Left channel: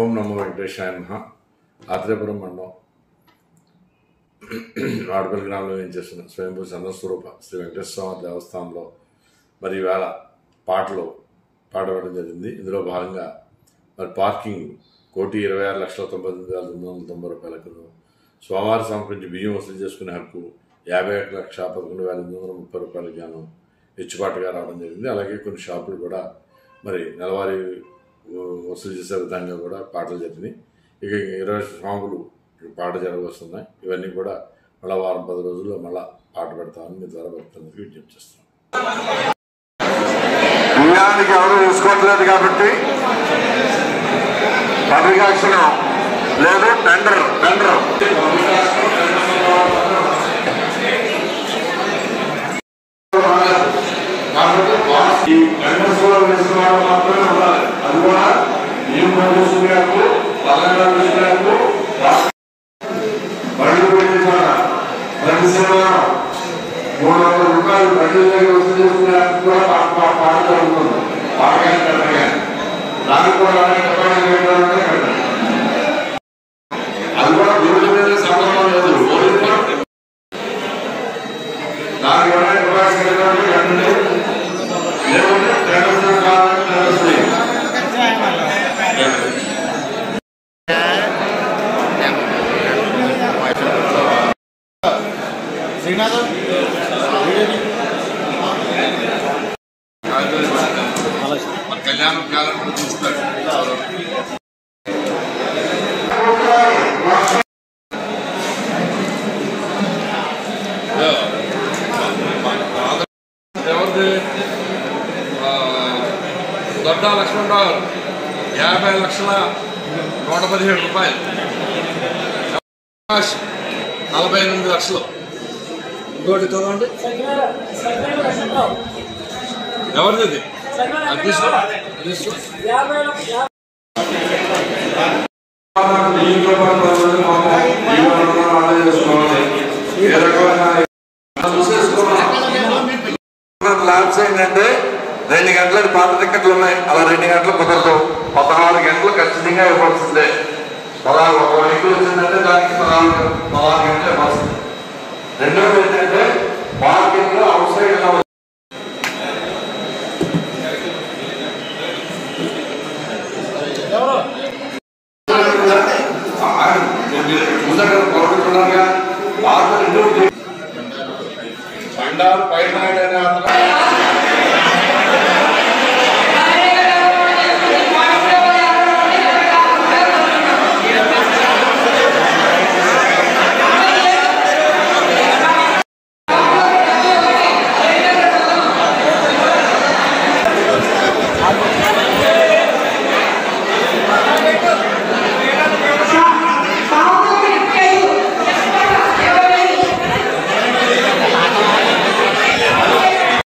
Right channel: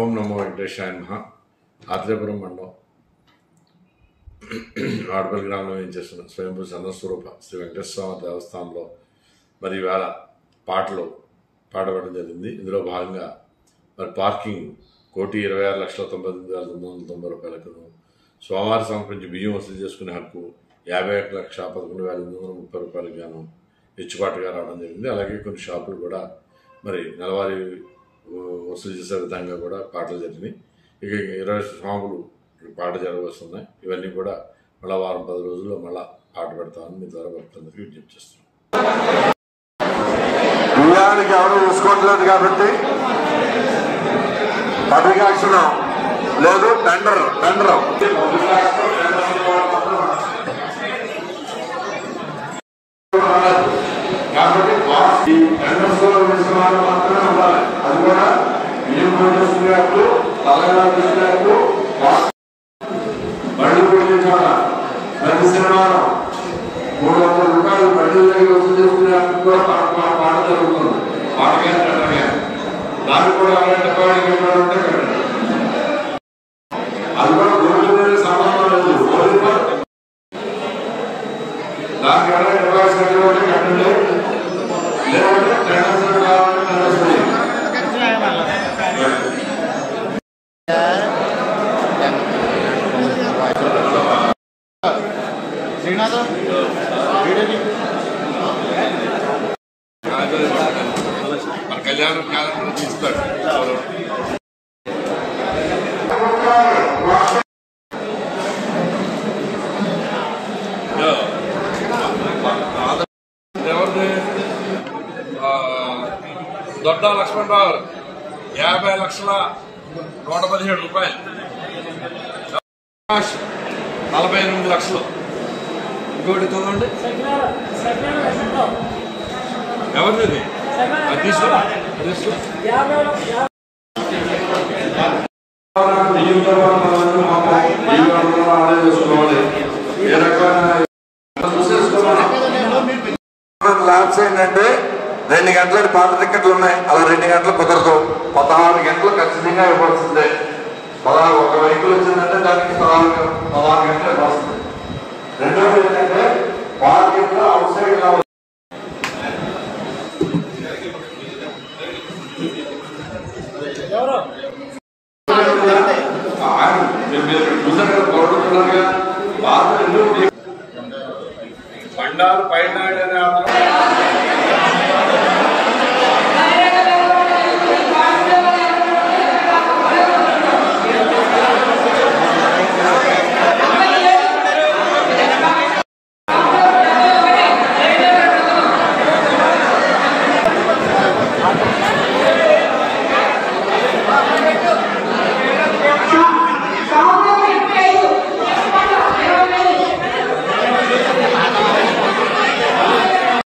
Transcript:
ఓం నమో వెంకటేశాయ నమః. ఆత్రేయపురం మండలం వాడపల్లి గ్రామంలో ఏం చేస్తున్న స్వయంభూ చంద్రస్వరూప శ్రీ వెంకటేశ్వర స్వామి దేవస్థానంలో మరి ఈవేళ పాటలు పాడబడడం జరిగింది. ఇందులో భాగంగా మరి పార్కింగ్ 1,26,99,990 రూపాయలకు, స్వామివారి సమర్పించి బియ్యం వసూలు చేసుకునే హక్కు 51,11,830 రూపాయలకు గాను హెచ్చుబాటుగా రావడం జరిగింది. అలాగే కొన్ని షాపులు కూడా మరి నెలవారీ వసూలు చేసే విధంగా కూడా పాటలు జరిగినాయి. ఇక 20 స్వాములు పాట జరగవస్తున్నాయి. ఇవన్నీ కూడా మళ్ళీ వారం 10 రోజుల్లో మళ్ళీ పాట పెడతామని మీ ద్వారా భక్తులందరికీ విజ్ఞప్తి చేస్తున్నాం. బియ్యానికి ఎవరు తీసుకోవట్లేదు కాబట్టి పబ్లిక్ యాక్షన్ లేదు, టెండర్ కాబట్టి ఈ టెండర్స్ తీసుకున్న మాత్రమే ఉండాలి. అది కూడా బియ్యం తీసుకునేటప్పుడు తెలంగాణ తీసుకునేటప్పుడు బండి ప్రతి శనివారం 300 రూపాయలు బండి వసూలు చేసుకునేందుకు కూడా పాట జరుగుతుంది. పాటగానే పెట్టగా దానికి కూడా డిపాజిట్ పెట్టాలంటే పెట్టండి. అది కూడా దొరుకుతున్నది సందర్భం లేదు. దానికి ఎవరైనా డిపాజిట్ పెట్టాలంటే పెట్టండి. లేకుంటే టెండర్స్ కావాలంటే టెండర్స్ కళ్యాణం కాలం చూస్తారు. ఎవరిది దొడ్డా లక్ష్మణరావు 50,117,000 రూపాయలు, 48 లక్షలు. ఇంకోటి చదవండి, ఎవరిది అది తీసుకో. ల్యాబ్స్ ఏంటంటే 2 గంటలకు పాట టికెట్లు ఉన్నాయి. అలా 2 గంటలు కుదరదు. 16 గంటలు ఖచ్చితంగా ఇవ్వాల్సిందే. 1 వెహికల్ వచ్చిందంటే దానికి 16 గంటలు ఇవ్వాల్సిందే. రెండోది ఏంటంటే పార్కింగ్ లో అవుట్ సైడ్ బండారు పైన